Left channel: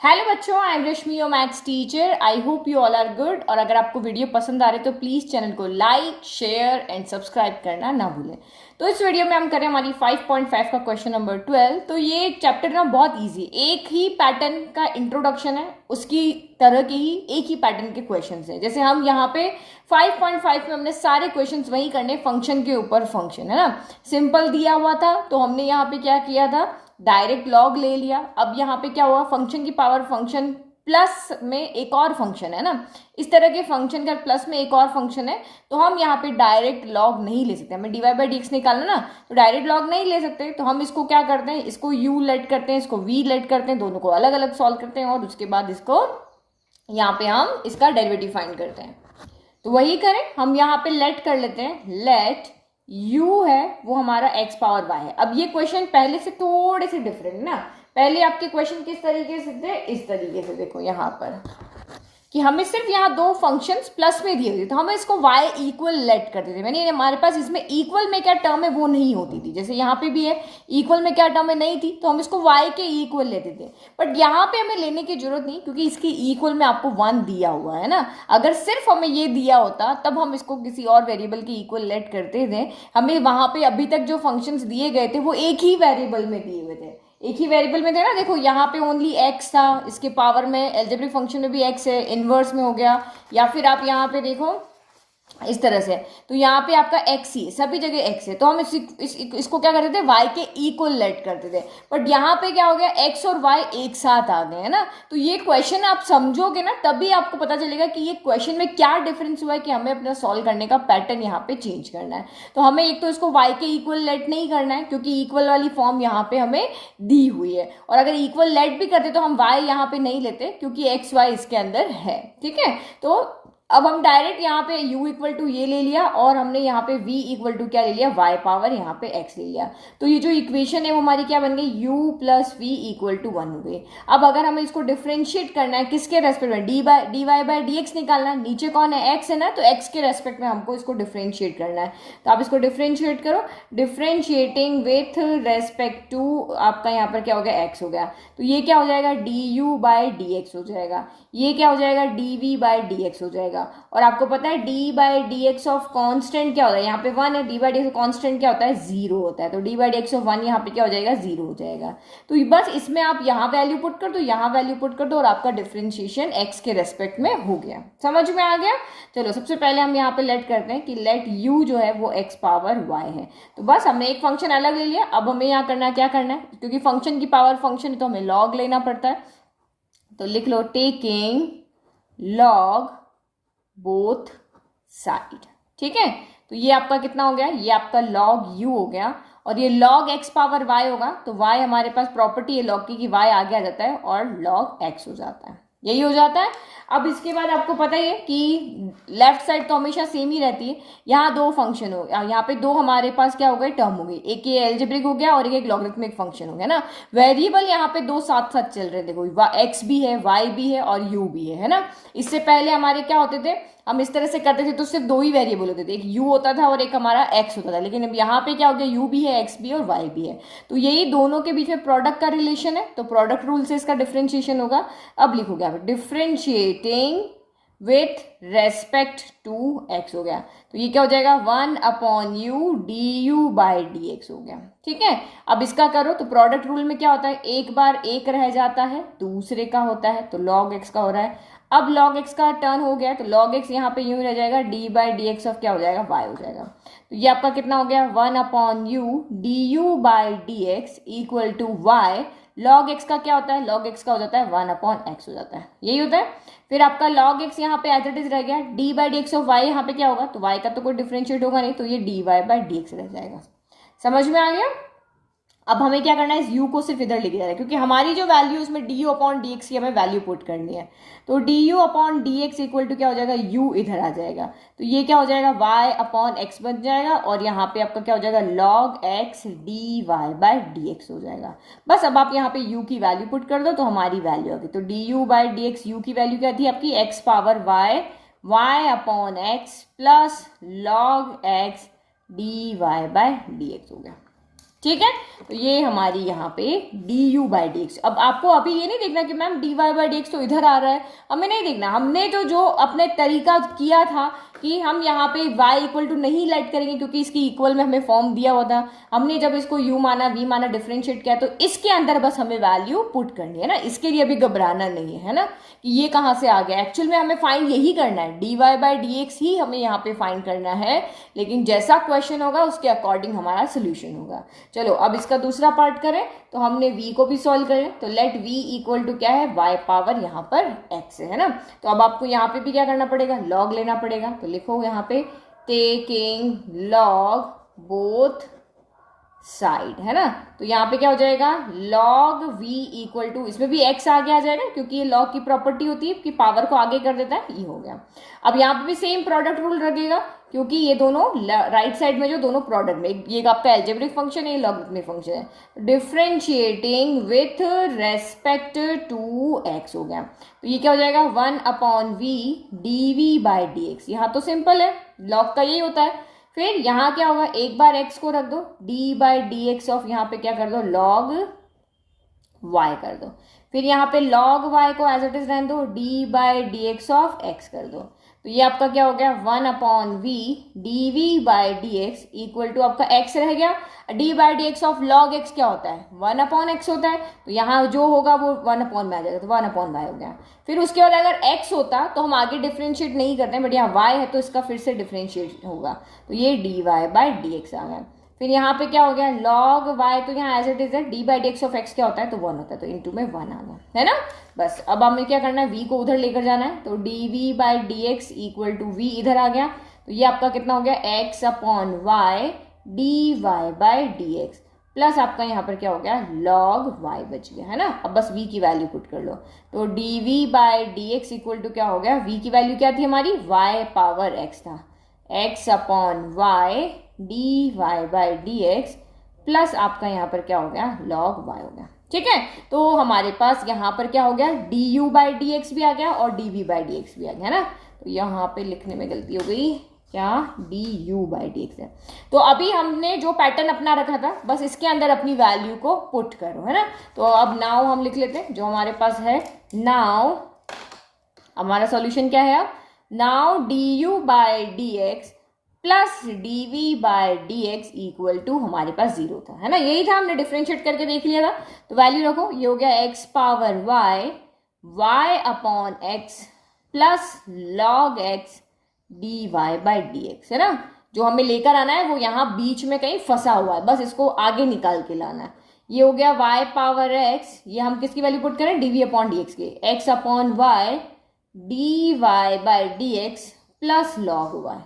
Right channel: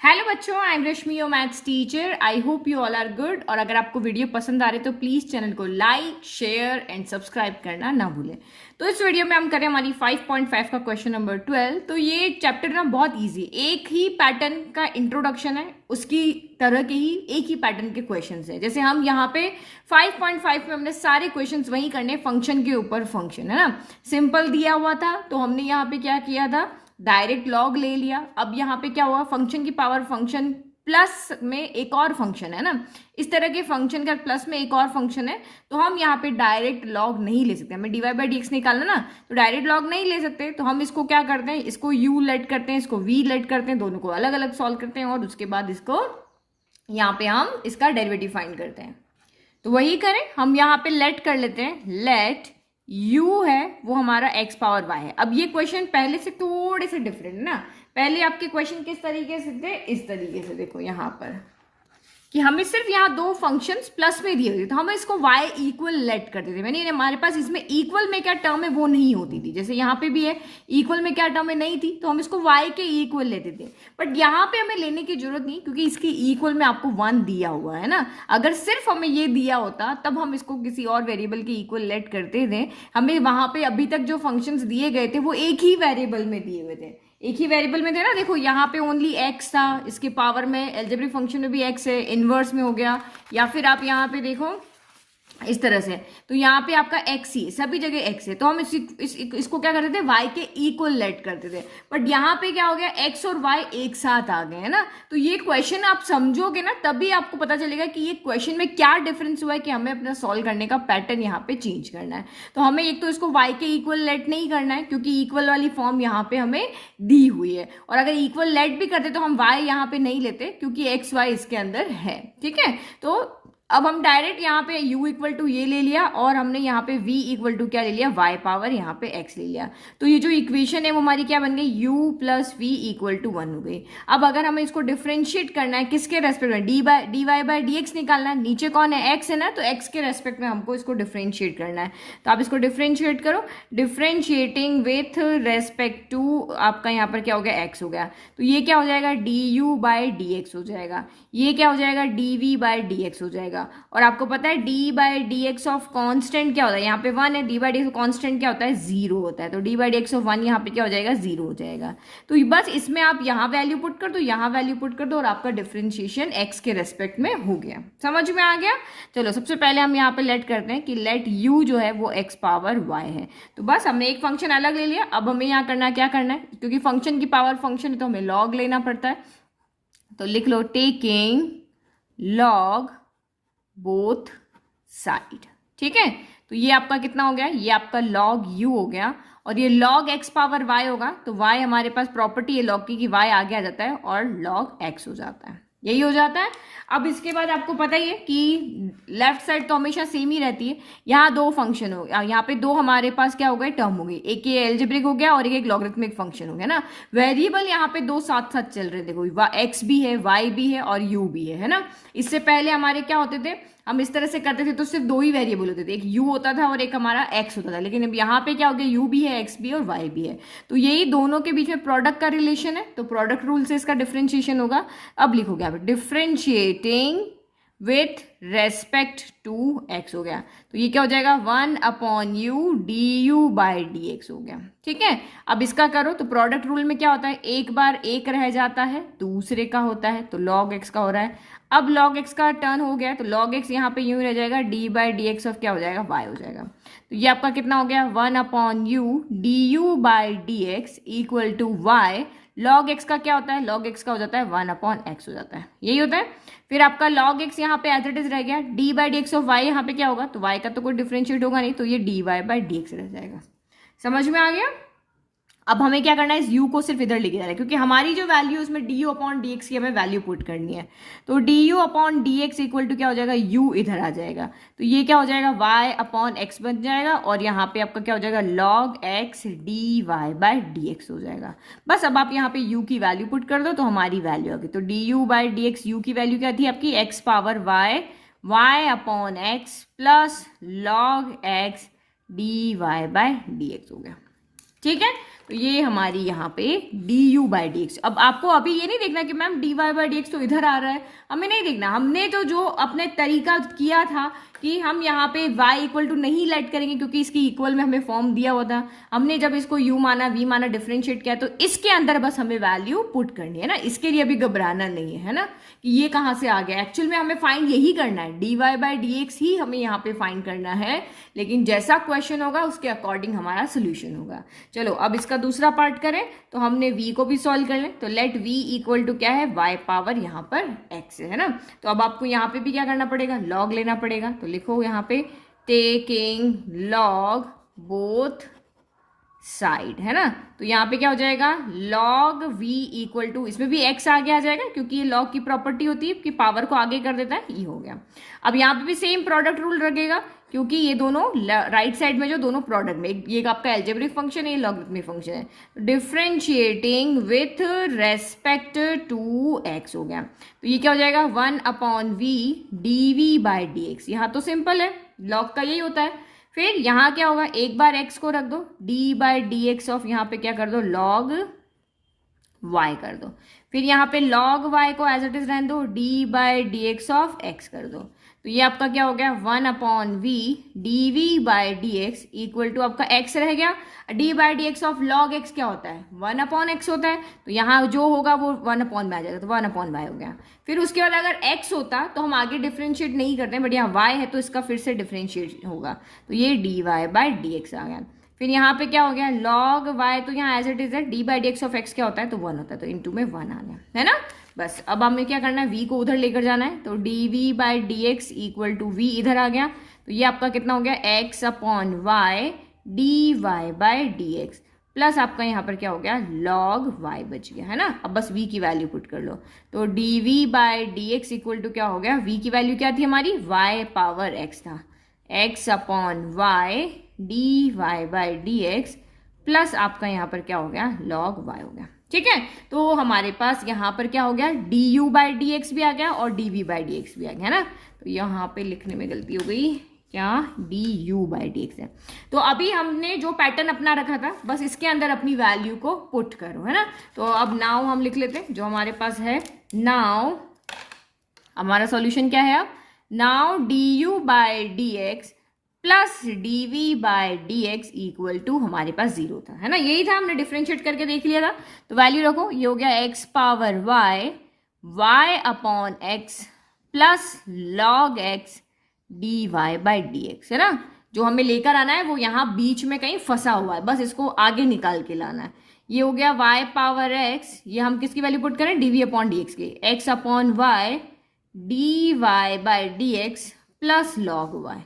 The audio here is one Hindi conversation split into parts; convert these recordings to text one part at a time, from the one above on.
हेलो बच्चों, I am Rashmi your maths teacher. I hope you all are good. और अगर आपको वीडियो पसंद आ रहे तो प्लीज़ चैनल को लाइक, शेयर एंड सब्सक्राइब करना ना भूलें। तो इस वीडियो में हम करें हमारी 5.5 का क्वेश्चन नंबर 12। तो ये चैप्टर ना बहुत इजी, एक ही पैटर्न का इंट्रोडक्शन है, उसकी तरह के ही एक ही पैटर्न के क्वेश्चंस है। जैसे हम यहाँ पे 5.5 में हमने सारे क्वेश्चंस वही करने, फंक्शन के ऊपर फंक्शन है ना, सिंपल दिया हुआ था तो हमने यहाँ पे क्या किया था, डायरेक्ट लॉग ले लिया। अब यहाँ पे क्या हुआ, फंक्शन की पावर फंक्शन प्लस में एक और फंक्शन है ना, इस तरह के फंक्शन का प्लस में एक और फंक्शन है, तो हम यहाँ पे डायरेक्ट लॉग नहीं ले सकते। हमें dy बाई डी एक्स निकालना ना, तो डायरेक्ट लॉग नहीं ले सकते। तो हम इसको क्या करते हैं, इसको u लेट करते हैं, इसको v लेट करते हैं, दोनों को अलग अलग सॉल्व करते हैं और उसके बाद इसको यहाँ पे हम इसका डेरिवेटिव फाइंड करते हैं। तो वही करें, हम यहाँ पे लेट कर लेते हैं, लेट u है वो हमारा x पावर y है। अब ये क्वेश्चन पहले से थोड़े से डिफरेंट है ना। पहले आपके क्वेश्चन किस तरीके से थे, इस तरीके से देखो यहाँ पर कि हमें सिर्फ यहाँ दो फंक्शंस प्लस में दिए हुए थे, तो हमें इसको y इक्वल लेट करते थे। मैंने हमारे पास इसमें इक्वल में क्या टर्म है वो नहीं होती थी, जैसे यहाँ पे भी है इक्वल में क्या टर्म है नहीं थी, तो हम इसको y के इक्वल लेते थे। बट यहाँ पे हमें लेने की जरूरत नहीं, क्योंकि इसके इक्वल में आपको 1 दिया हुआ है ना। अगर सिर्फ हमें ये दिया होता तब हम इसको किसी और वेरिएबल के इक्वल लेट करते थे। हमें वहां पे अभी तक जो फंक्शंस दिए गए थे वो एक ही वेरिएबल में दिए हुए थे, एक ही वेरिएबल में थे ना। देखो यहाँ पे ओनली x था, इसके पावर में एल्जेब्रिक फंक्शन में भी x है, इनवर्स में हो गया, या फिर आप यहाँ पे देखो इस तरह से, तो यहाँ पे आपका x ही, सभी जगह x है, तो हम इसको क्या करते थे, y के इक्वल लेट करते थे। बट यहाँ पे क्या हो गया, x और y एक साथ आ गए हैं ना। तो ये क्वेश्चन आप समझोगे ना तभी आपको पता चलेगा कि ये क्वेश्चन में क्या डिफरेंस हुआ है, कि हमें अपना सॉल्व करने का पैटर्न यहाँ पे चेंज करना है। तो हमें एक तो इसको y के इक्वल लेट नहीं करना है, क्योंकि इक्वल वाली फॉर्म यहाँ पे हमें दी हुई है, और अगर इक्वल लेट भी करते तो हम y यहाँ पे नहीं लेते, क्योंकि x y इसके अंदर है। ठीक है, तो अब हम डायरेक्ट यहाँ पे u इक्वल टू ये ले लिया, और हमने यहाँ पे v इक्वल टू क्या ले लिया, y पावर यहाँ पे x ले लिया। तो ये जो इक्वेशन है वो हमारी क्या बन गई, u plus v equal to 1 हो गई। अब अगर हमें इसको डिफ्रेंशिएट करना है, किसके रेस्पेक्ट में, d Y by D x निकालना है, नीचे कौन है, x है ना, तो x के रेस्पेक्ट में हमको इसको डिफ्रेंशिएट करना है। तो आप इसको डिफ्रेंशिएट करो, डिफ्रेंशिएटिंग विथ रेस्पेक्ट टू आपका यहाँ पर क्या हो गया, x हो गया। तो ये क्या हो जाएगा, d u by D x हो जाएगा, ये क्या हो जाएगा, d v by D x हो जाएगा। और आपको पता है d by D x of constant क्या होता है, यहाँ पे 1 है, d by D x of constant क्या होता है, 0 होता है। तो d by D x of 1 यहाँ पे क्या हो जाएगा, 0 हो जाएगा। तो बस इसमें आप यहाँ वैल्यू पुट कर दो, यहाँ वैल्यू पुट कर दो, और आपका डिफरेंशिएशन x के रेस्पेक्ट में हो गया। समझ में आ गया। चलो सबसे पहले हम यहाँ पे लेट करते हैं कि लेट u जो है वो x पावर y है। तो बस हमने एक फंक्शन अलग ले लिया। अब हमें यहाँ करना क्या करना है, क्योंकि फंक्शन की पावर फंक्शन है तो हमें लॉग लेना पड़ता है। तो लिख लो, टेकिंग लॉग बोथ साइड। ठीक है, तो ये आपका कितना हो गया, ये आपका log u हो गया, और ये log x पावर y होगा। तो y हमारे पास प्रॉपर्टी है log की कि y आगे आ जाता है और log x हो जाता है, यही हो जाता है। अब इसके बाद आपको पता ही है कि लेफ्ट साइड तो हमेशा सेम ही रहती है। यहाँ दो फंक्शन हो, यहाँ पे दो हमारे पास क्या हो गए, टर्म हो गई, एक ये एल्जेब्रिक हो गया और एक लॉगरिथमिक फंक्शन हो गया ना। वेरिएबल यहाँ पे दो साथ साथ चल रहे थे, देखो x भी है, y भी है और u भी है ना। इससे पहले हमारे क्या होते थे, हम इस तरह से करते थे तो सिर्फ दो ही वेरिएबल होते थे, एक u होता था और एक हमारा x होता था। लेकिन अब यहाँ पे क्या हो गया, u भी है, x भी है और y भी है, तो यही दोनों के बीच में प्रोडक्ट का रिलेशन है। तो प्रोडक्ट रूल से इसका डिफरेंशिएशन होगा। अब लिखोगे आप differentiating with respect to x हो गया, तो ये क्या हो जाएगा, 1 upon u d u by D x हो गया। ठीक है, अब इसका करो तो प्रोडक्ट रूल में क्या होता है, एक बार एक रह जाता है दूसरे का होता है, तो log x का हो रहा है। अब log x का टर्न हो गया, तो log x यहाँ पे यूं रह जाएगा, D by D x of क्या हो जाएगा, y हो जाएगा। तो ये आपका कितना हो गया, 1 upon u d u by D x equal to y. log x का क्या होता है, log x का हो जाता है 1 अपॉन x हो जाता है, यही होता है। फिर आपका log x यहाँ पे एज इट इज रह गया, D by D x of y यहाँ पे क्या होगा, तो y का तो कोई डिफरेंशिएट होगा नहीं, तो ये d Y by D x रह जाएगा। समझ में आ गया। अब हमें क्या करना है, इस u को सिर्फ इधर लेके जाना है, क्योंकि हमारी जो वैल्यू उसमें d u upon d x की हमें वैल्यू पुट करनी है। तो d u upon d x equal to क्या हो जाएगा, u इधर आ जाएगा, तो ये क्या हो जाएगा, y अपॉन x बन जाएगा, और यहाँ पे आपका क्या हो जाएगा, log x d Y by D x हो जाएगा। बस अब आप यहाँ पे u की वैल्यू पुट कर दो तो हमारी वैल्यू आ गई। तो d u by D x, u की वैल्यू क्या थी आपकी, x power y upon x plus log x d Y by D x हो गया। ठीक है, तो ये हमारी यहाँ पे d u by D x. अब आपको अभी ये नहीं देखना कि ma'am d Y by D x तो इधर आ रहा है, हमें नहीं देखना। हमने तो जो अपने तरीका किया था कि हम यहाँ पे y इक्वल टू नहीं लेट करेंगे क्योंकि इसकी इक्वल में हमें फॉर्म दिया हुआ था। हमने जब इसको u माना v माना डिफरेंशिएट किया तो इसके अंदर बस हमें वैल्यू पुट करनी है ना, इसके लिए अभी घबराना नहीं है ना कि ये कहाँ से आ गया। एक्चुअल में हमें फाइंड यही करना है, dy बाई डी एक्स ही हमें यहाँ पे फाइंड करना है, लेकिन जैसा क्वेश्चन होगा उसके अकॉर्डिंग हमारा सोल्यूशन होगा। चलो अब इसका दूसरा पार्ट करें तो हमने v को भी सॉल्व कर लें। तो लेट v इक्वल टू क्या है, y पावर यहाँ पर x है ना। तो अब आपको यहाँ पे भी क्या करना पड़ेगा, लॉग लेना पड़ेगा। तो लिखो यहाँ पे टेकिंग लॉग बोथ साइड है ना। तो यहाँ पे क्या हो जाएगा, लॉग v इक्वल टू, इसमें भी x आगे आ जाएगा क्योंकि ये लॉग की प्रॉपर्टी होती है कि पावर को आगे कर देता है, ये हो गया। अब यहाँ पे भी सेम प्रोडक्ट रूल लगेगा क्योंकि ये दोनों राइट साइड में जो दोनों प्रोडक्ट में, ये आपका एल्जेब्रिक फंक्शन है, ये लॉगरिथमिक फंक्शन है। Differentiating with respect to x हो गया। तो ये क्या हो जाएगा, 1/v dv by D x. यहाँ तो सिंपल है, लॉग का यही होता है। फिर यहाँ क्या होगा, एक बार x को रख दो, d by D x of यहाँ पे क्या कर दो, log y कर दो। फिर यहाँ पे log y को एज इट इज रहने दो, d by D x of x कर दो। तो ये आपका क्या हो गया, 1/v dv by D x equal to आपका x रह गया। d by D x of log x क्या होता है, 1/x होता है। तो यहाँ जो होगा वो 1/y आ जाएगा, तो 1/y हो गया। फिर उसके बाद अगर x होता तो हम आगे डिफ्रेंशिएट नहीं करते हैं, बट यहाँ y है तो इसका फिर से डिफ्रेंशिएट होगा। तो ये dy बाई डी एक्स आ गया। फिर यहाँ पे क्या हो गया, log y, तो यहाँ एज इट इज है, d by D x of x क्या होता है, तो 1 होता है, तो इनटू में 1 आ गया है ना। बस अब हमें क्या करना है, v को उधर लेकर जाना है। तो dv by D x equal to v इधर आ गया। तो ये आपका कितना हो गया, x upon y d Y by D x plus आपका यहाँ पर क्या हो गया, log y बच गया है ना। अब बस v की वैल्यू पुट कर लो। तो dv by D x equal to क्या हो गया, v की वैल्यू क्या थी हमारी, y पावर x था, x upon y d Y by D x plus आपका यहाँ पर क्या हो गया, log y हो गया। ठीक है, तो हमारे पास यहाँ पर क्या हो गया, du बाई डी एक्स भी आ गया और dv बाई डी एक्स भी आ गया है ना। तो यहाँ पे लिखने में गलती हो गई, क्या du बाई डी एक्स है। तो अभी हमने जो पैटर्न अपना रखा था बस इसके अंदर अपनी वैल्यू को पुट करो है ना। तो अब नाउ हम लिख लेते हैं जो हमारे पास है। नाउ हमारा सॉल्यूशन क्या है, अब now du by D x plus dv by D x equal to हमारे पास 0 था है ना, यही था, हमने डिफ्रेंशिएट करके देख लिया था। तो वैल्यू रखो, ये हो गया x power y upon x plus log x dy by D x है ना। जो हमें लेकर आना है वो यहाँ बीच में कहीं फंसा हुआ है, बस इसको आगे निकाल के लाना है। ये हो गया y पावर x, ये हम किसकी वैल्यू पुट करें, dv अपॉन डी एक्स की, x upon y dy by D x plus log y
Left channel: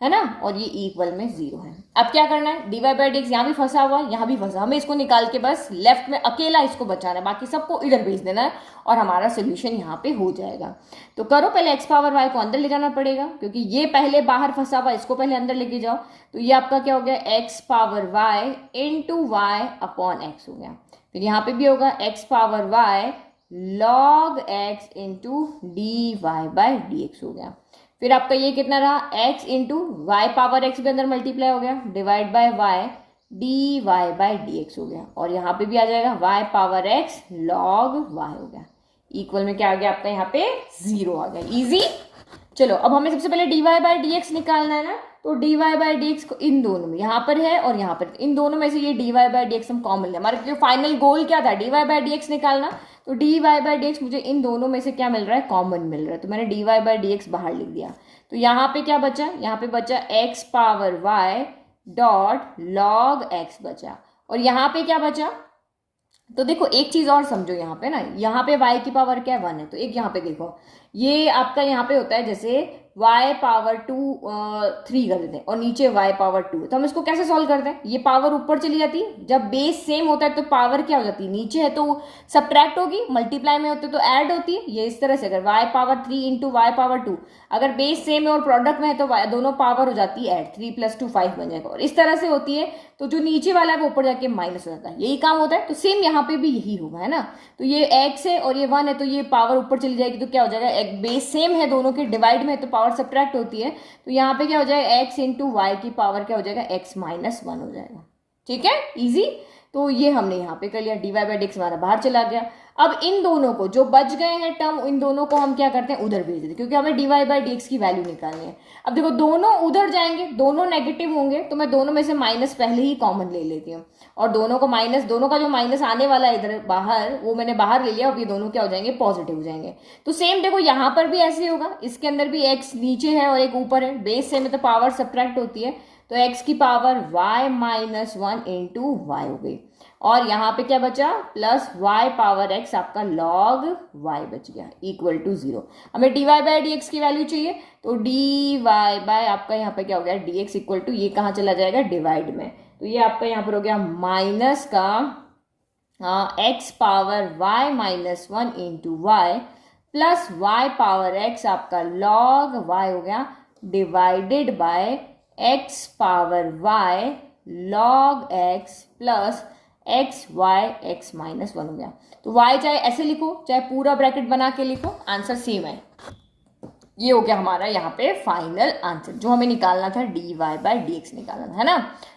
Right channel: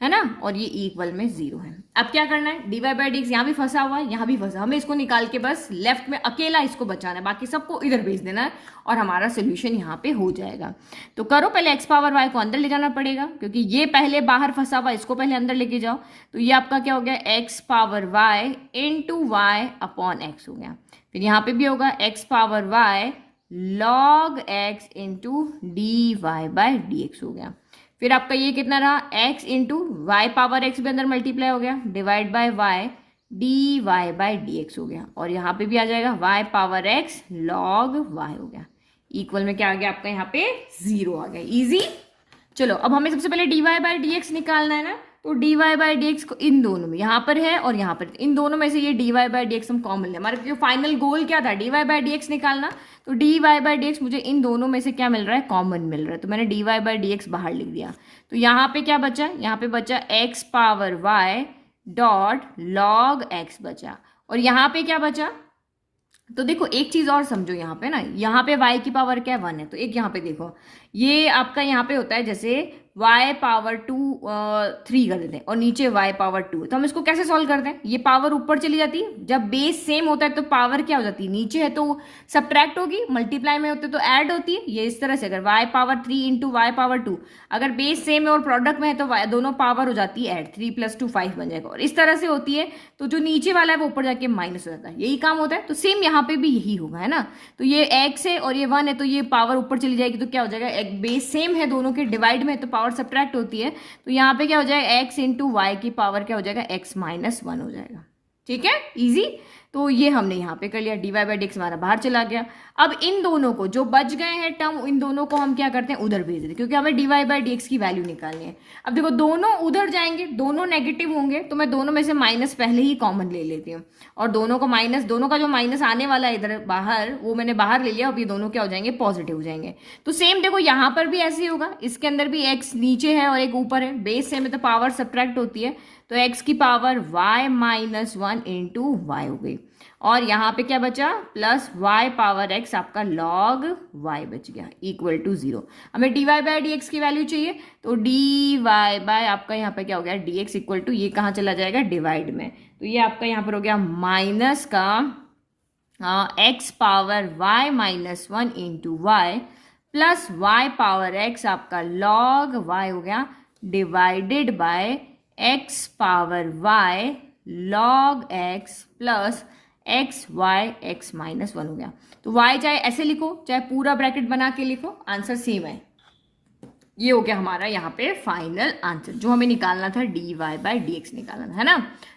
है ना, और ये इक्वल में 0 है। अब क्या करना है, dy बाई डी एक्स यहाँ भी फंसा हुआ है, यहाँ भी फंसा, हमें इसको निकाल के बस लेफ्ट में अकेला इसको बचाना है, बाकी सबको इधर भेज देना है और हमारा सोल्यूशन यहाँ पे हो जाएगा। तो करो, पहले x पावर y को अंदर ले जाना पड़ेगा क्योंकि ये पहले बाहर फंसा हुआ, इसको पहले अंदर लेके जाओ। तो ये आपका क्या हो गया, x power y into y upon x हो गया। फिर यहाँ पे भी होगा x power y log x into d Y by D x हो गया। फिर आपका ये कितना रहा, x into y power x भी अंदर मल्टीप्लाई हो गया, divide by y d Y by D x हो गया। और यहाँ पे भी आ जाएगा y power x log y हो गया। इक्वल में क्या आ गया आपका, यहाँ पे 0 आ गया। इजी। चलो अब हमें सबसे पहले d Y by D x निकालना है ना। तो D Y by D x को इन दोनों में, यहाँ पर है और यहाँ पर, इन दोनों में से ये d Y by D x हम कॉमन ले। हमारा जो फाइनल गोल क्या था, d Y by D x निकालना। तो D Y by D x मुझे इन दोनों में से क्या मिल रहा है, कॉमन मिल रहा है। तो मैंने d Y by D x बाहर लिख दिया। तो यहाँ पे क्या बचा, यहाँ पे बचा x power y dot log x बचा। और यहाँ पे क्या बचा, तो देखो एक चीज और समझो यहाँ पे ना, यहाँ पे y की पावर क्या 1 है। तो एक यहाँ पे देखो, ये आपका यहाँ पे होता है जैसे y पावर 3 कर देते हैं और नीचे y पावर 2, तो हम इसको कैसे सॉल्व करते हैं, ये पावर ऊपर चली जाती है, जब बेस सेम होता है तो पावर क्या हो जाती है, नीचे है तो सब्ट्रैक्ट होगी, मल्टीप्लाई में होते तो ऐड होती है। ये इस तरह से, अगर y power 3 into y power 2, अगर बेस सेम है और प्रोडक्ट में है तो दोनों पावर हो जाती है ऐड, 3 + 2 5 बन जाएगा। और इस तरह से होती है, तो जो नीचे वाला है वो ऊपर जाके माइनस हो जाता है, यही काम होता है। तो सेम यहाँ पे भी यही होगा है ना। तो ये x है और ये 1 है, तो ये पावर ऊपर चली जाएगी, तो क्या हो जाएगा, एक बेस सेम है दोनों के, डिवाइड में है तो पावर सब्ट्रैक्ट होती है। तो यहाँ पे क्या हो जाएगा, x इंटू वाई की पावर क्या हो जाएगा, x -1 हो जाएगा। ठीक है, इजी। तो ये हमने यहाँ पे कर लिया, dy बाई डी एक्स हमारा बाहर चला गया। अब इन दोनों को जो बच गए हैं टर्म, इन दोनों को हम क्या करते हैं, उधर भेज देते हैं, क्योंकि हमें dy बाई डी एक्स की वैल्यू निकालनी है। अब देखो दोनों उधर जाएंगे, दोनों नेगेटिव होंगे, तो मैं दोनों में से माइनस पहले ही कॉमन ले लेती हूँ, और दोनों को माइनस, दोनों का जो माइनस आने वाला है इधर बाहर, वो मैंने बाहर ले लिया। अब ये दोनों क्या हो जाएंगे, पॉजिटिव हो जाएंगे। तो सेम देखो यहाँ पर भी ऐसे ही होगा, इसके अंदर भी x नीचे है और एक ऊपर है, बेस सेम है तो पावर सब्ट्रैक्ट होती है, तो x की power y minus 1 into y हो गई, और यहाँ पे क्या बचा, प्लस y पावर x आपका log y बच गया, इक्वल टू 0। हमें dy बाई डी एक्स की वैल्यू चाहिए, तो dy बाय आपका यहाँ पे क्या हो गया, dx इक्वल टू, ये कहाँ चला जाएगा, डिवाइड में, तो ये आपका यहाँ पर हो गया माइनस का x power y minus 1 into y plus y power x आपका log y हो गया, divided by x power y log x plus x y x minus 1 हो गया। तो y चाहे ऐसे लिखो चाहे पूरा ब्रैकेट बना के लिखो, आंसर सेम है। ये हो गया हमारा यहाँ पे फाइनल आंसर, जो हमें निकालना था dy बाई डी एक्स निकालना था, है ना।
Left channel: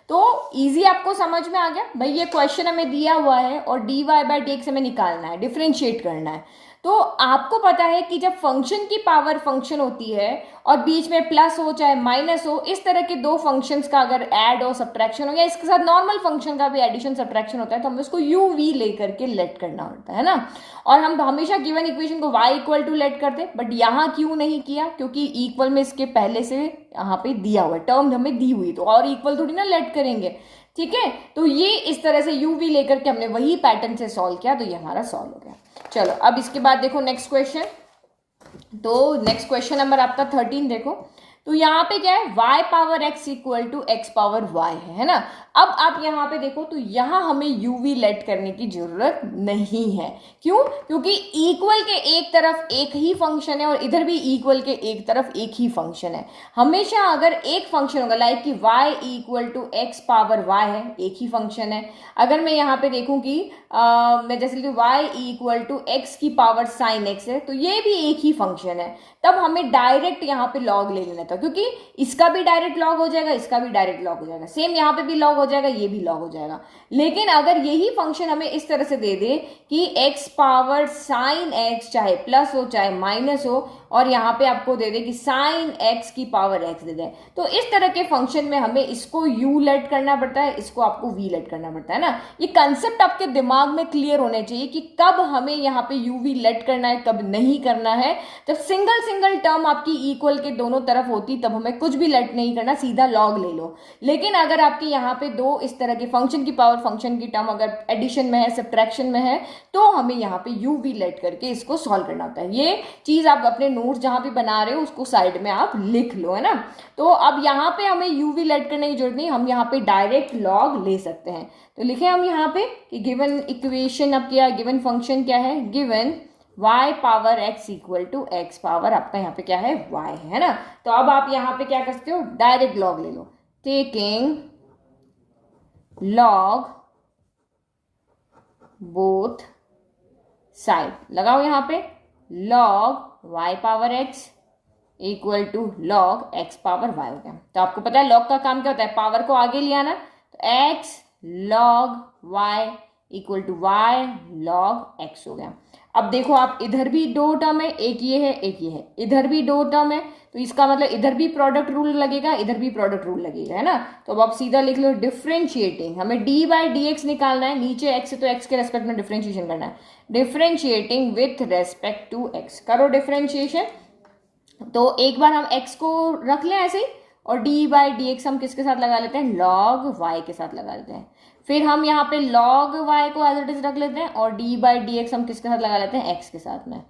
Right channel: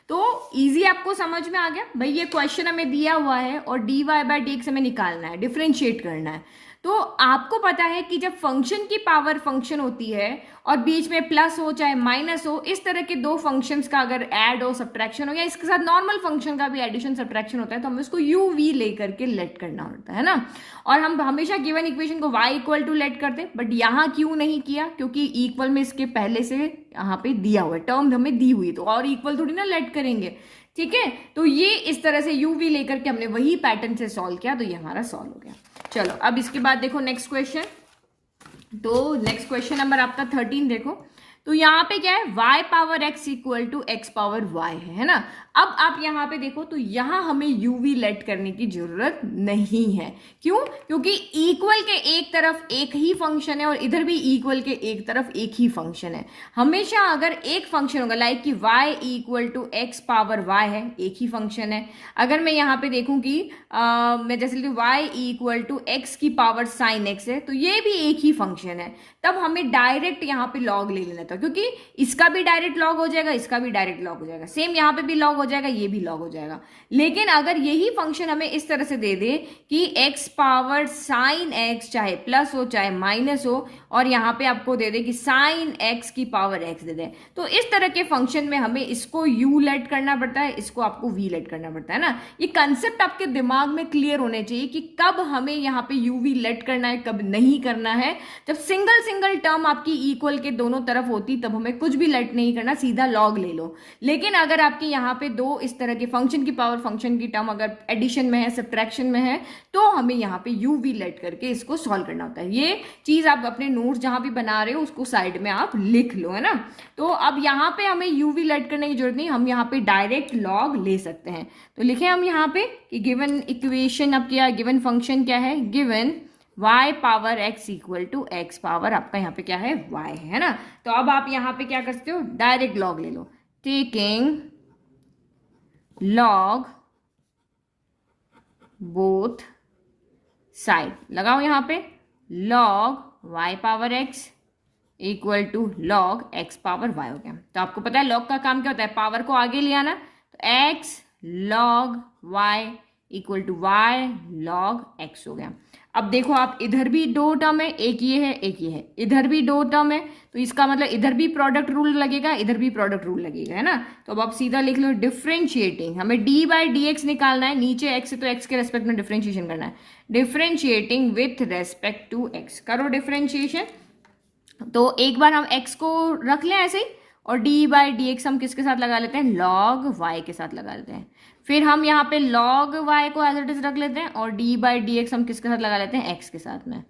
तो इजी आपको समझ में आ गया भाई, ये क्वेश्चन हमें दिया हुआ है और dy बाई डी एक्स हमें निकालना है, डिफरेंशिएट करना है। तो आपको पता है कि जब फंक्शन की पावर फंक्शन होती है और बीच में प्लस हो चाहे माइनस हो, इस तरह के दो फंक्शंस का अगर ऐड हो, सब्ट्रैक्शन हो, या इसके साथ नॉर्मल फंक्शन का भी एडिशन सब्ट्रैक्शन होता है, तो हमें उसको यू वी लेकर के लेट करना होता है ना। और हम हमेशा गिवन इक्वेशन को y इक्वल टू लेट करते, बट यहाँ क्यों नहीं किया, क्योंकि इक्वल में इसके पहले से यहाँ पे दिया हुआ है, टर्म हमें दी हुई, तो और इक्वल थोड़ी ना लेट करेंगे, ठीक है। तो ये इस तरह से यू वी लेकर के हमने वही पैटर्न से सॉल्व किया, तो ये हमारा सॉल्व हो गया। चलो अब इसके बाद देखो नेक्स्ट क्वेश्चन, तो नेक्स्ट क्वेश्चन नंबर आपका 13 देखो। तो यहाँ पे क्या है, y power x equal to x power y है ना। अब आप यहाँ पे देखो, तो यहाँ हमें uv लेट करने की जरूरत नहीं है, क्यों, क्योंकि इक्वल के एक तरफ एक ही फंक्शन है और इधर भी इक्वल के एक तरफ एक ही फंक्शन है। हमेशा अगर एक फंक्शन होगा, लाइक कि y equal to x power y है, एक ही फंक्शन है। अगर मैं यहाँ पे देखूं कि मैं जैसे y इक्वल टू एक्स की पावर साइन x है, तो ये भी एक ही फंक्शन है, तब हमें डायरेक्ट यहाँ पे लॉग ले लेना था, क्योंकि इसका भी डायरेक्ट लॉग हो जाएगा, इसका भी डायरेक्ट लॉग हो जाएगा, सेम यहाँ पे भी लॉग हो जाएगा, ये भी लॉग हो जाएगा। लेकिन अगर यही फंक्शन हमें इस तरह से दे दे कि x पावर साइन x चाहे प्लस हो चाहे माइनस हो, और यहाँ पे आपको दे दे कि साइन x की पावर x दे दे, तो इस तरह के फंक्शन में हमें इसको u लेट करना पड़ता है, इसको आपको v लेट करना पड़ता है ना। ये कंसेप्ट आपके दिमाग में क्लियर होने चाहिए कि कब हमें यहाँ पे u v लेट करना है, कब नहीं करना है। जब सिंगल टर्म आपकी इक्वल के दोनों तरफ होती, तब हमें कुछ भी लेट नहीं करना, सीधा लॉग ले लो। लेकिन अगर आपकी यहाँ पे दो इस तरह के फंक्शन की पावर फंक्शन की टर्म अगर एडिशन में है, सब्ट्रैक्शन में है, तो हमें यहाँ पे u v लेट करके इसको सॉल्व करना होता है। ये चीज आप अपने नोट्स जहां भी बना रहे हो उसको साइड में आप लिख लो, है ना। तो अब यहाँ पे हमें u v लेट करने की जरूरत नहीं, हम यहाँ पे डायरेक्ट लॉग ले सकते हैं। तो लिखे हम यहाँ पे कि गिवन इक्वेशन, अब क्या गिवन फंक्शन क्या है, given y power x equal to x power आपका यहाँ पे क्या है, y है ना। तो अब आप यहाँ पे क्या कर सकते हो, डायरेक्ट लॉग ले लो, टेकिंग लॉग बोथ साइड, लगाओ यहाँ पे log y power x equal to log x power y हो गया। तो आपको पता है log का काम क्या होता है, पावर को आगे ले आना, तो x log y equal to y log x हो गया। अब देखो आप, इधर भी दो टर्म है, एक ये है एक ये है, इधर भी दो टर्म है, तो इसका मतलब इधर भी प्रोडक्ट रूल लगेगा, इधर भी प्रोडक्ट रूल लगेगा, है ना। तो अब आप सीधा लिख लो डिफरेंशिएटिंग, हमें डी बाई डी एक्स निकालना है, नीचे एक्स है तो एक्स के रेस्पेक्ट में डिफरेंशिएशन करना है, differentiating with respect to x, करो डिफरेंशिएशन। तो एक बार हम एक्स को रख लें ऐसे ही, और डी बाई डी एक्स हम किसके साथ लगा लेते हैं, लॉग वाई के साथ लगा लेते हैं। फिर हम यहाँ पे log y को एज इट इज रख लेते हैं, और d बाई डी एक्स हम किसके साथ लगा लेते हैं, x के साथ में।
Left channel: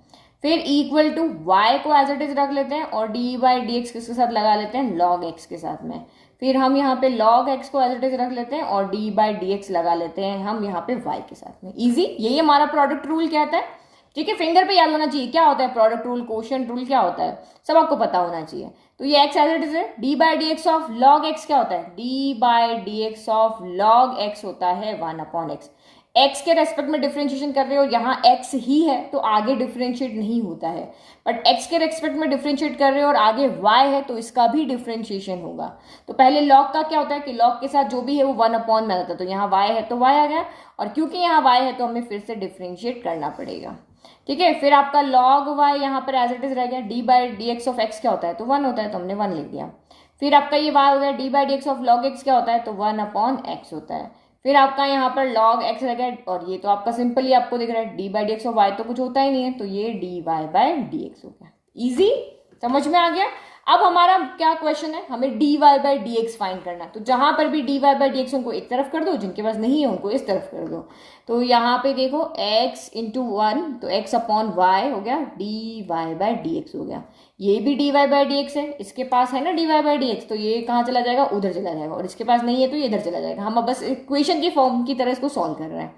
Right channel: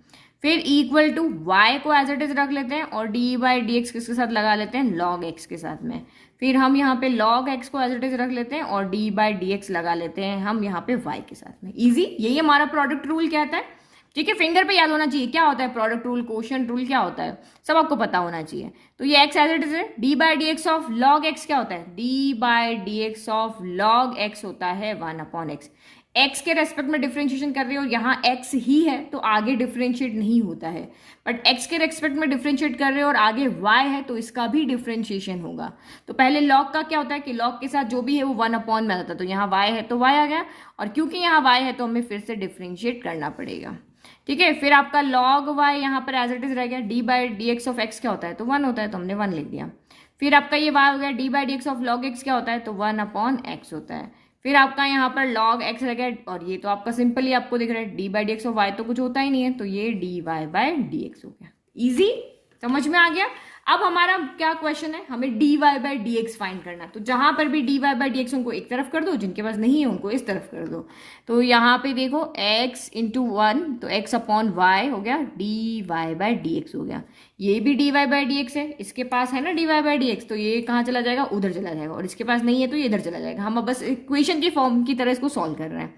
फिर इक्वल टू y को एज इट इज रख लेते हैं, और d बाई डी एक्स किसके साथ लगा लेते हैं, log x के साथ में। फिर हम यहाँ पे log x को एज इट इज रख लेते हैं, और d बाई डी एक्स लगा लेते हैं हम यहाँ पे y के साथ में। इजी, यही हमारा प्रोडक्ट रूल कहता है, ठीक है। फिंगर पे याद होना चाहिए क्या होता है प्रोडक्ट रूल, कोशेंट रूल क्या होता है, सब आपको पता होना चाहिए। तो ये x एज इट इज है, d by D x of log x क्या होता है, d by D x of log x होता है 1 अपॉन एक्स। एक्स के रेस्पेक्ट में डिफरेंशिएशन कर रहे हो, यहाँ एक्स ही है तो आगे डिफरेंशिएट नहीं होता है, बट एक्स के रेस्पेक्ट में डिफरेंशिएट कर रहे हो और आगे वाई है तो इसका भी डिफरेंशिएशन होगा। तो पहले लॉग का क्या होता है कि लॉग के साथ जो भी है वो 1 में आता है, तो यहाँ वाई है तो वाई आ गया, और क्योंकि यहाँ वाई है तो हमें फिर से डिफरेंशिएट करना पड़ेगा। ठीक है, फिर आपका लॉग वाई यहाँ पर एज इट इज रह गया। D by D x of x क्या होता है, तो 1 होता है, तो हमने 1 लिख दिया। फिर आपका ये वाई हो गया, D by D x of log x क्या होता है, तो 1/x होता है। फिर आपका यहाँ पर log x रह गया, और ये तो आपका सिंपल ही आपको दिख रहा है, d by D x of y तो कुछ होता ही नहीं है, तो ये d Y by D x हो गया। इजी, समझ में आ गया। अब हमारा क्या क्वेश्चन है, हमें d Y by D x find करना है। तो जहां पर भी D Y by D x उनको एक तरफ कर दो, जिनके पास नहीं है उनको इस तरफ कर दो। तो यहाँ पे देखो x इंटू 1 तो x अपॉन वाई हो गया, d Y by D x हो गया। ये भी D Y by D x है, इसके पास है ना d Y by D x, तो ये कहाँ चला जाएगा, उधर चला जाएगा, और इसके पास नहीं है तो ये इधर चला जाएगा। हम अब बस इक्वेशन की फॉर्म की तरह इसको सॉल्व कर रहे हैं।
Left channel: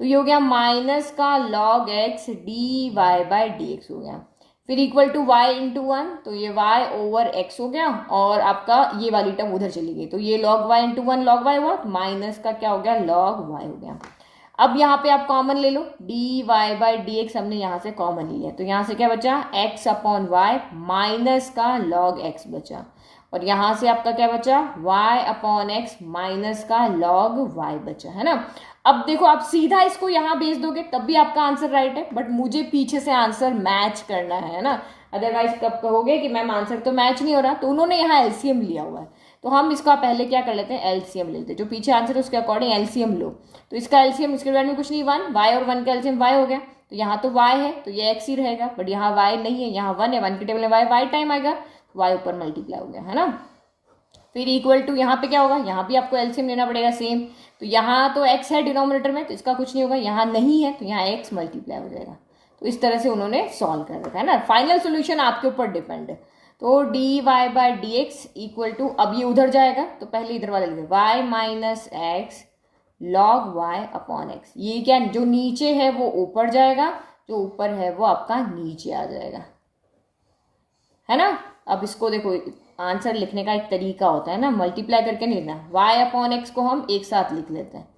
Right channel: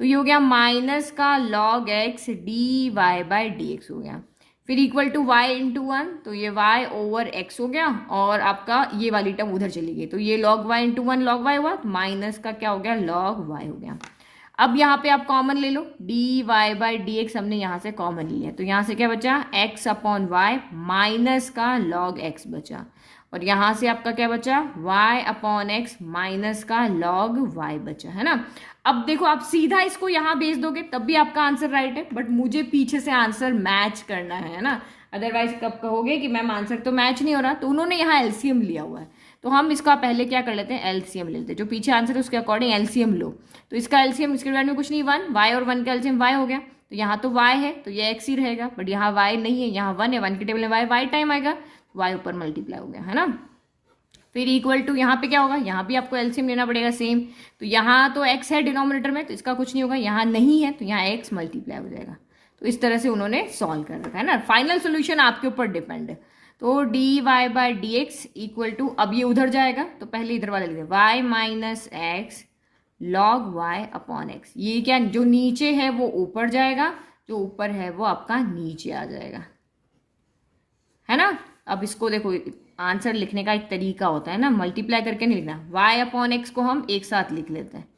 तो ये हो गया माइनस का log x d Y by D x हो गया। फिर इक्वल टू y इंटू 1 तो ये y ओवर x हो गया, और आपका ये वाली टर्म उधर चली गई, तो ये log y into 1 log y हुआ, माइनस का क्या हो गया, log y हो गया। अब यहाँ पे आप कॉमन ले लो, D Y by D X हमने यहाँ से कॉमन लिया, तो यहाँ से क्या बचा, x अपॉन वाई माइनस का log x बचा, और यहाँ से आपका क्या बचा, y अपॉन एक्स माइनस का log y बचा, है ना। अब देखो आप सीधा इसको यहाँ भेज दोगे तब भी आपका आंसर राइट है, बट मुझे पीछे से आंसर मैच करना है ना, अदरवाइज कब कहोगे कि मैम आंसर तो मैच नहीं हो रहा। तो उन्होंने यहाँ एलसीएम लिया हुआ है, तो हम इसका पहले क्या कर लेते हैं, एलसीएम ले लेते हैं। जो पीछे आंसर है उसके अकॉर्डिंग एलसीएम लो, तो इसका एलसीएम इसके बारे में कुछ नहीं, 1 y और 1 का एलसीएम y हो गया, तो यहाँ तो y है तो ये x ही रहेगा, बट यहाँ y नहीं है, यहाँ 1 है, 1 की टेबल में y टाइम आएगा, y ऊपर मल्टीप्लाई हो गया, है ना। फिर इक्वल टू यहाँ पे क्या होगा, यहाँ भी आपको एलसीएम लेना पड़ेगा सेम, तो यहाँ तो x है डिनोमिनेटर में तो इसका कुछ नहीं होगा, यहाँ नहीं है तो यहाँ x मल्टीप्लाई हो जाएगा। तो इस तरह से उन्होंने सॉल्व कर रखा है ना। फाइनल सोल्यूशन आपके ऊपर डिपेंड है। तो D Y by D x equal to, अब ये उधर जाएगा तो पहले इधर वाले लिखे y minus x log y upon x. ये क्या, जो नीचे है वो ऊपर जाएगा, जो ऊपर है वो आपका नीचे आ जाएगा, है ना। अब इसको देखो, आंसर लिखने का एक तरीका होता है ना, मल्टीप्लाई करके नहीं लिखना। y अपॉन एक्स को हम एक साथ लिख लेते हैं,